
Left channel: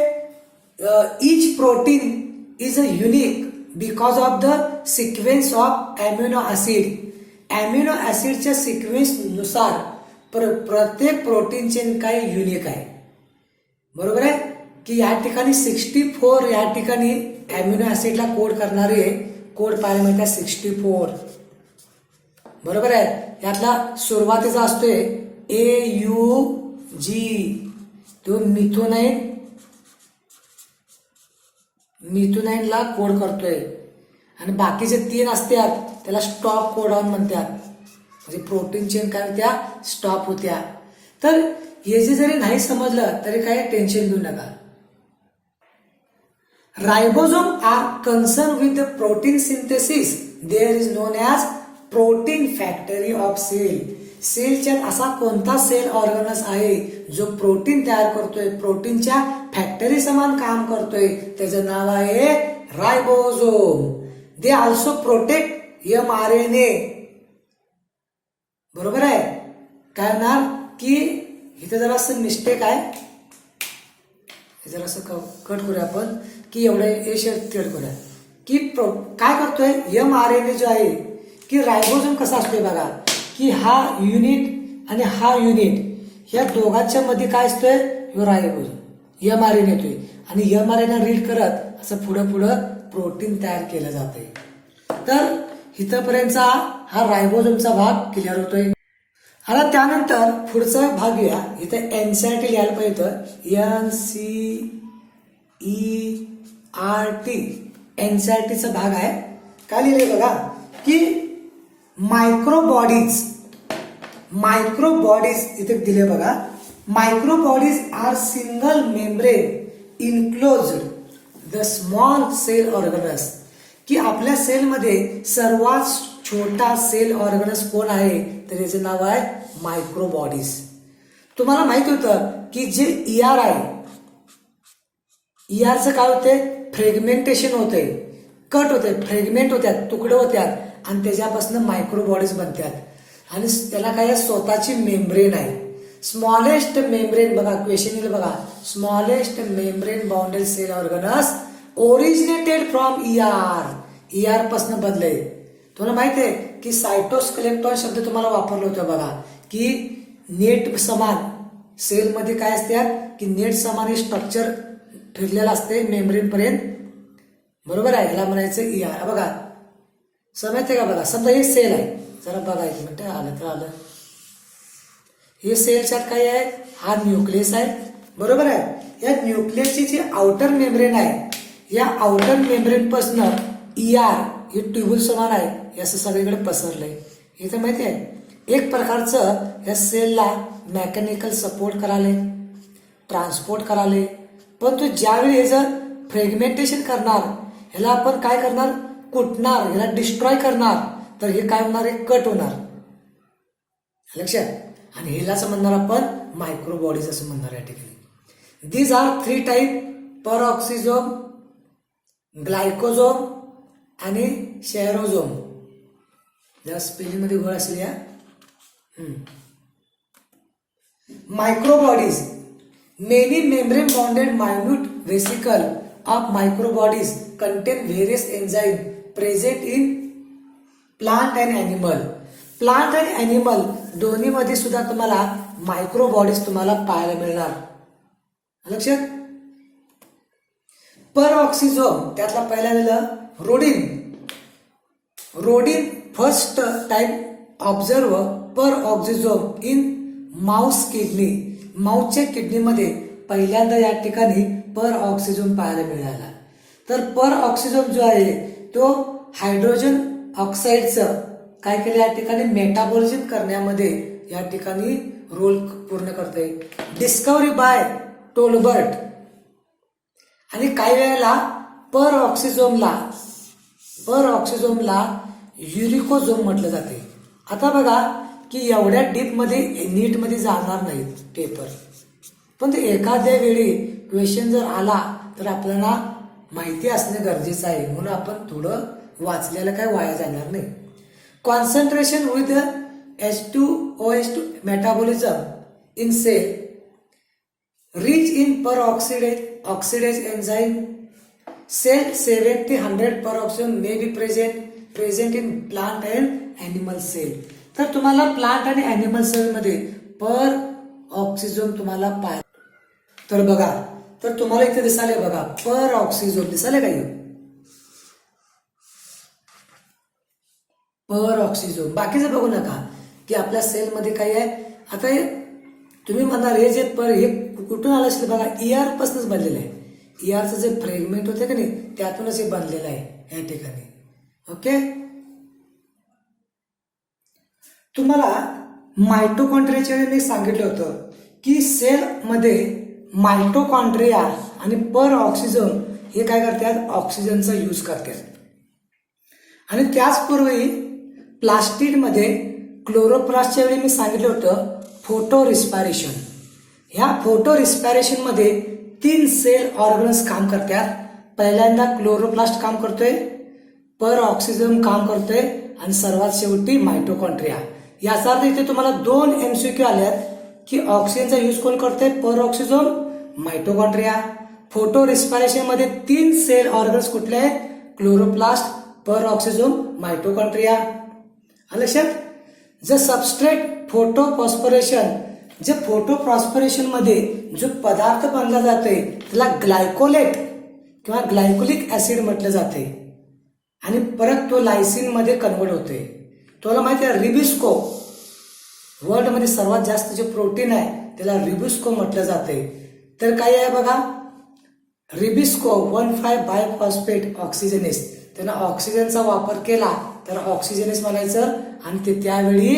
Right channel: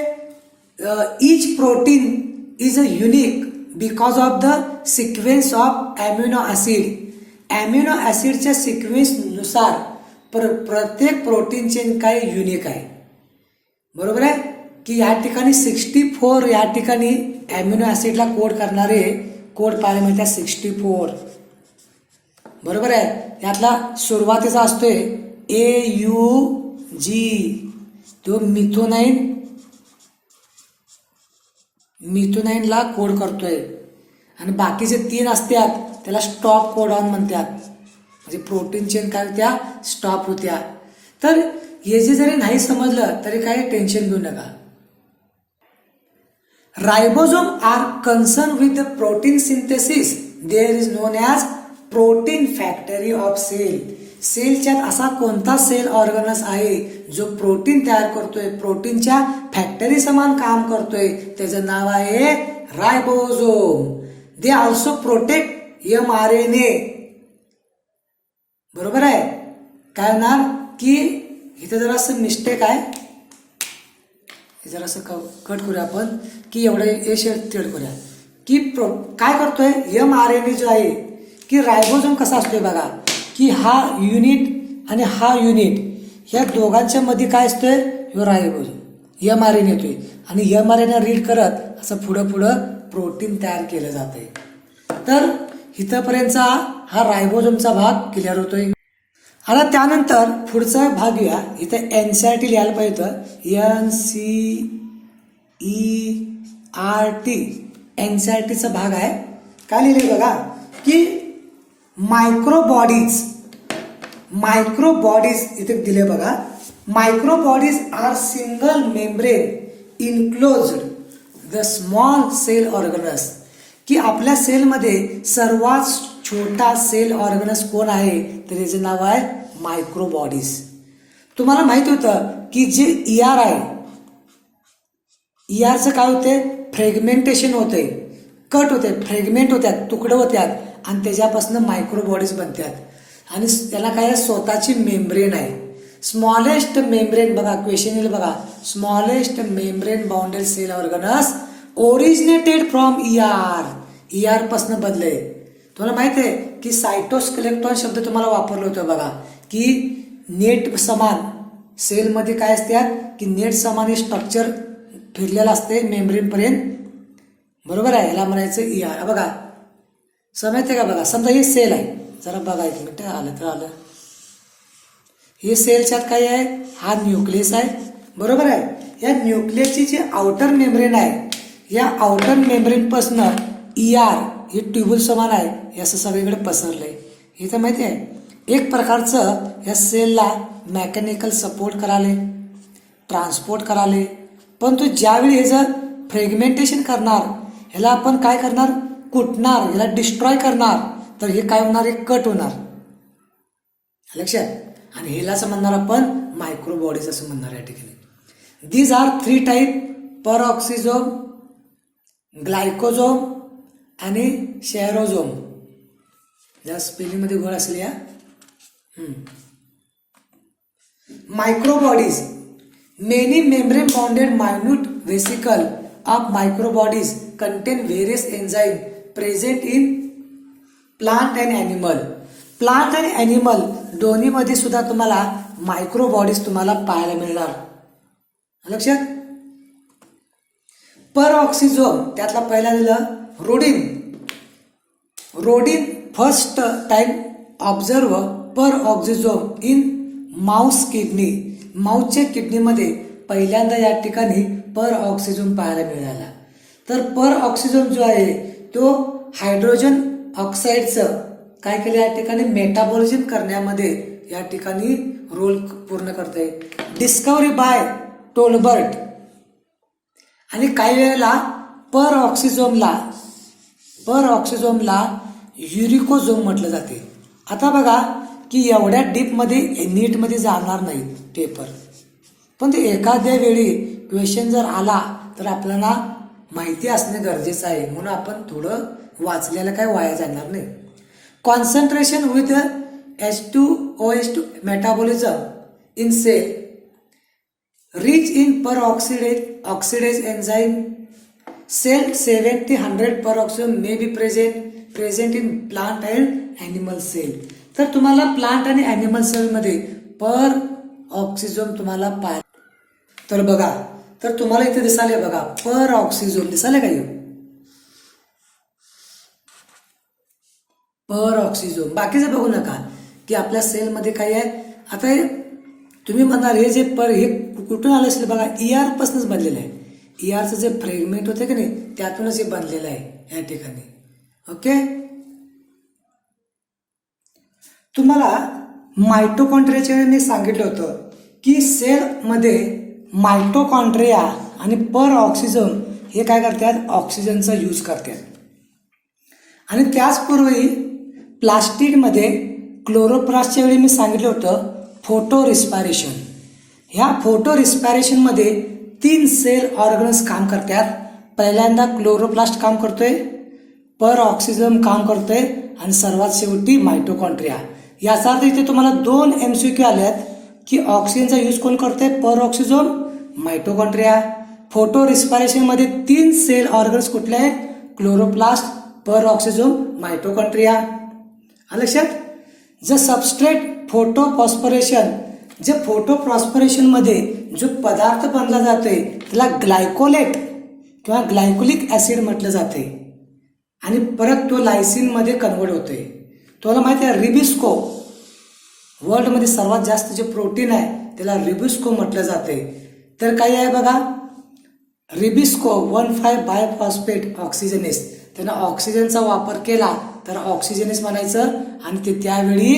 each protein is a unique because of the sequence of amino acid. Amino ऍसिडच्या सिक्वेन्स नुसार प्रत्येक प्रोटीन चेन काय युनिक आहे. बरोबर आहे की या ठिकाणी 64 या ठिकाणी अॅमिनो ऍसिडला कोड करणारे कोड पाहायला मिळतात 64. बरोबर आहे. यातला सुरुवातीचा असतोय AUG, तो मिथोनाइन ला कोड करतोय. आणि बाकीचे 3 असतात त्याला स्टॉप कोडॉन म्हणतात. म्हणजे प्रोटीन चेन काय होत्या, स्टॉप होत्या. तर हे जे जरी नाही समजलं तरी काही टेन्शन घेऊ नका. Ribosome are concern with the protein synthesis. There is known as protein factory of cell. सेलच्यात असा कोणता सेल ऑर्गनस आहे जो प्रोटीन तयार करतोय, प्रोटीनच्या फॅक्टरी समान काम करतोय, त्याचं नाव आहे ribosome. They also protect mRNA. बरोबर आहे. काय होणार की इथे जरासं मिस्टेक आहे, जरासं कट करूया आपण की एवढे हे शेड करूया की काय करतोय mRNA जो आहे की रायबोसोम कसा असतोय बघा की हा युनिट आणि हा युनिट या दोघांच्या मध्ये काय असतोय, रायबोसोम mRNA येतोय आणि mRNA रीड करत असं पुढं पुढं प्रोटीन तयार केलं जाते. तर इथंपर्यंतचा हा रायबोसोमचा भाग क्लिअर होतोय. आता त्यानंतर पुढचा भाग घेऊया. इथे NCERT लिहायला पाहिजे NCERT NCERTचा भाग आहे. काय लिहिले बघा की मायक्रोबॉडीज इथे दिले बघा. Microbodies are single membrane enclosed the small cell organelles. की आपल्या सेलमध्ये सर्वात छोटा सेल ऑर्गनस कोण आहे, तर याचे नाव आहे मायक्रोबॉडीज. तुम्हाला माहिती होतं की जे ER आहे, ERचं काय होते, फ्रेगमेंटेशन होते, कट होते, फ्रेगमेंट होत्यात, तुकडे होत्यात आणि त्याच्यापासून मायक्रोबॉडीज बनतात. आणि त्याला काय स्वतःची मेम्ब्रेन आहे. स्मॉलेस्ट मेम्ब्रेन बघा, क्वेश्चन येईल बघा, smallest membrane bounded cell organs originated from ER पासून बनले. तुम्हाला माहित आहे की सायटोस्केलेटॉन शब्द तुम्हाला वापरला होता बघा की नेट समान सेलमध्ये काय असतात की नेट समान स्ट्रक्चर फिरलेलं असते मेम्ब्रेन पर्यंत. बरोबर आहे. याला म्हणायचं ER. बघा समजते का, बघा समजा हे सेल आहे, जरा बघा एक मिनिट, आलं तर आलं. हे सेलच्यात काय आहे, हा न्यूक्लियस आहे. बरोबर आहे. या न्यूक्लियसची जी आउटर मेम्ब्रेन आहे, या आउटर मेम्ब्रेन पासून ER हे ट्यूबल समान आहे, हे असं सगळीकडे पसरलंय. हे तर माहिती आहे. एक प्रकारचं या सेलला मेकॅनिकल सपोर्ट कराले, ट्रान्सपोर्ट कराले. परंतु ज्यावेळी हे जर फ्रेगमेंटेशन करणार, ह्याला आपण काय करणार, कुटणार, ह्याला डिस्ट्रॉय करणार, तर हे काय होणार, हे कट होणार. लक्षात. आणि ह्यालाच म्हणणार आपण मायक्रोबॉडीज असं म्हणणार या ठिकाणी. These are 3 type, peroxisome, glyoxysome आणि शेअरोझोम. जरा स्पेलिंग मध्ये गोळ असेल या. Microbodies, many membrane bounded minute vesicle of microbodies contain various enzyme present in plant and animal. Plant आणि ॲनिमल दोन्हीमध्ये सुद्धा तुम्हाला मायक्रोबॉडीज तुम्हाला पाहायला मिळणार. लक्षात. परऑक्सिझोम त्यातला पहिला दिलं Rhodin first time observe peroxisome in mouse kidney. माउसच्या किडनीमध्ये पहिल्यांदा या ठिकाणी परऑक्सिझोम पाहायला मिळाला. तर परऑक्सिझोम जो आहे तो हायड्रोजन ऑक्साईडचं काय केलं या ठिकाणी मेटाबॉलिझम करण्यामध्ये या ठिकाणी रोल पूर्ण करते. Discovery by Tolbert. आणि काही वेळेला परऑक्सिझोमला युरिकोझोम म्हटलं जाते. आता बघा की एवढ्या डीपमध्ये नीटमध्ये जाणार नाही पेपर, पण ते एखाद्या वेळी क्वेश्चन जर आला तर आपल्याला माहिती असणे गरजेचं आहे, म्हणून आपण थोडं वाचलेलं काय वाया जाणार नाही. Concentration with H2OH2 metabolism in cell rich in peroxidase enzyme. Cell 70-100 peroxisome may be present in plant and animal cell. तर तुम्हाला प्लांट आणि ॲनिमल सेल मध्ये परऑक्सिझोम तुम्हाला पाहायला. तर बघा, तर तुम्हाला इथे दिसाले बघा परऑक्सिझोम दिसाले का, परऑक्सिझोम. बाकीचं बघू नका की आपल्या सेलमध्ये काय आहे. आता तुम्ही म्हणाल हे जे हे कुठून आलं असेल बघा, ER पासूनच बनलेलं आहे. ERचं जे फ्रेगमेंट होते की नाही त्यातूनच हे बनलेलं आहे या ठिकाणी. ओके. तुम्हाला मायटोकॉन्ड्रियाच्या वेळी मी सांगितलं होतं की सेलमध्ये मायटोकॉन्ड्रिया आणि पर ऑक्सिजन हे काय करतात, ऑक्सिजनचा यूज करतात. आणि त्याचपूर्वी प्लास्टिकमध्ये क्लोरोप्लास्टच्या वेळी मी सांगितलं होतं फोटो रिस्पायरेशन. ह्या फोटो रिस्पायरेशनमध्ये 3 सेल ऑर्गन्स काम करतात. पहिल्यांदा क्लोरोप्लास्ट काम करतोय, पर ऑक्सिजन काम करतोय आणि सर्वात शेवटी मायटोकॉन्ड्रिया. याचा अर्थ इथे तुम्हाला 2 MCQ आल्यात की ऑक्सिजनचा यूज कोण करतोय, पर ऑक्सिजन, मायटोकॉन्ड्रिया. फोटो रिस्पायरेशन मध्ये 3 सेल ऑर्गन्स कुठले आहेत, क्लोरोप्लास्ट, पर ऑक्सिजन, मायटोकॉन्ड्रिया. लक्षात. ज सबस्ट्रेट फोटोफॉस्फोरेशन, जे फोटोफॉस्फोरेशन मध्ये जो पदार्थ बनला जातोय त्याला ग्लायकोलेट किंवा ग्लायकोलिक ऍसिड म्हटलं जाते आणि परत तो लायसिन मध्ये कन्वर्ट होतोय. तुम्हाला माहिती आहे रिबिस्को, वर्ल्ड मध्ये सर्वात जास्त जे प्रोटीन आहे त्याला रिबिस्को म्हटलं जाते. तर काय आहे बघा, रिबिस्को 1,5 बायफॉस्फेट ऑक्सिजनेस. त्यानं ऑक्सिजनचा वापर केला तर ऑक्सिजनेस म्हणायचं आणि ते त्यावेळी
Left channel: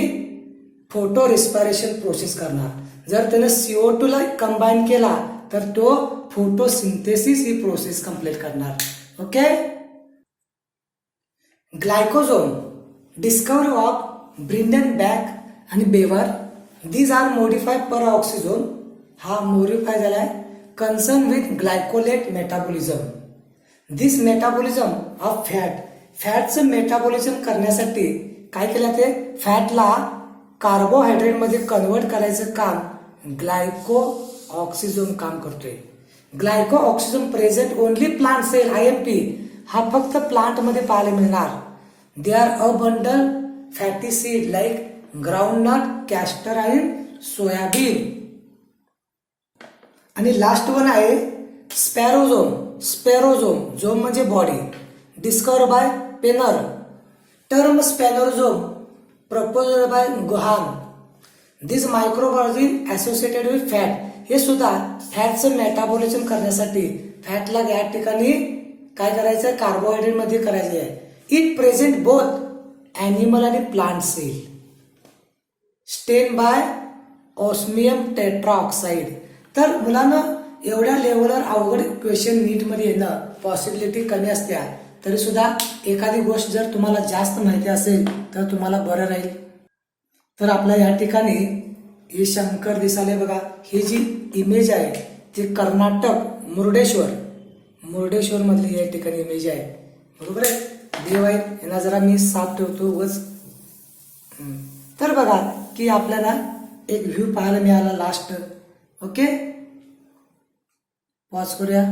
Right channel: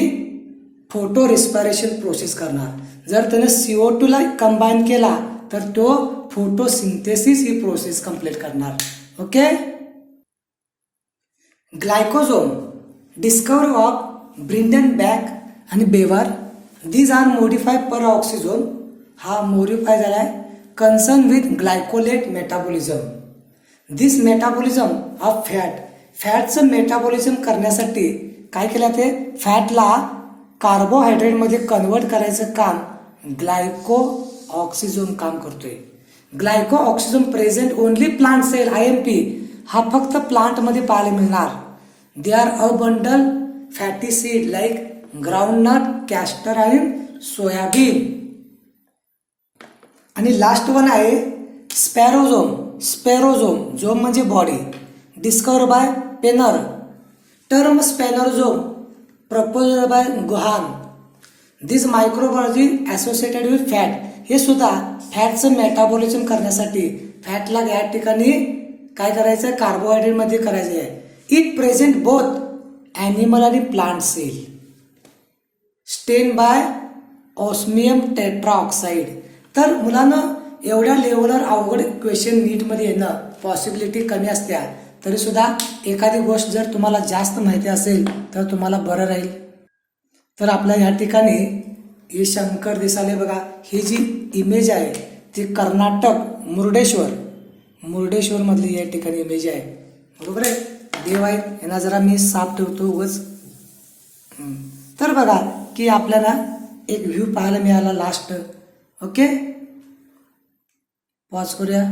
फोटो रिस्पायरेशन प्रोसेस करणार. जर त्यानं CO2 ला कंबाईन केला तर तो फोटोसिंथेसिस ही प्रोसेस कंप्लीट करणार. Okay. Glyoxysome discover of Breidenbach आणि Beevers. These are modify per oxygen. हा मोडिफाय झालाय concern with glycolate metabolism. This metabolism of फॅटचं मेटाबॉलिझम करण्यासाठी काय केलं, ते फॅटला कार्बोहायड्रेट मध्ये कन्वर्ट करायचं काम ग्लायको ऑक्सिजन काम करतोय. ग्लायको oxygen present only plant cell IMP. हा फक्त प्लांट मध्ये पाहायला मिळणार. They are a bundle fatty seed like groundnut, castor आणि सोयाबीन. आणि लास्ट वन आहे स्पॅरोझोम. स्पॅरोझोम झोम म्हणजे body. Discover by Perner. Term spherosome propose by गुहान. This microbiology associated with fat. हे सुद्धा फॅटचं मेटाबॉलिझम करण्यासाठी फॅटला या ठिकाणी काय करायचं, कार्बोहायड्रेट मध्ये करायचं आहे. इट प्रेझेंट बोथ ॲनिमल आणि प्लांट सेल. स्टेन बाय ऑस्मियम टेट्राऑक्साइड. तर मुलांना एवढ्या लेवलवर अवघड क्वेश्चन नीट मध्ये येणं पॉसिबिलिटी कमी असत्या, तरी सुद्धा एखादी गोष्ट जर तुम्हाला जास्त माहिती असेल तर तुम्हाला बरं राहील. तर आपल्या या ठिकाणी हे शंकर दिसाले बघा. ही जी इमेज आहे ती कर्नाटक मुर्डेश्वर मधली या ठिकाणी इमेज आहे. बरोबर आहे. देव आहेत, यांना जरा मी साफ ठेवतो उगाच. तर बघा की आपल्याला एक व्ह्यू पाहायला मिळाला लास्ट. ओके, पॉज करूया.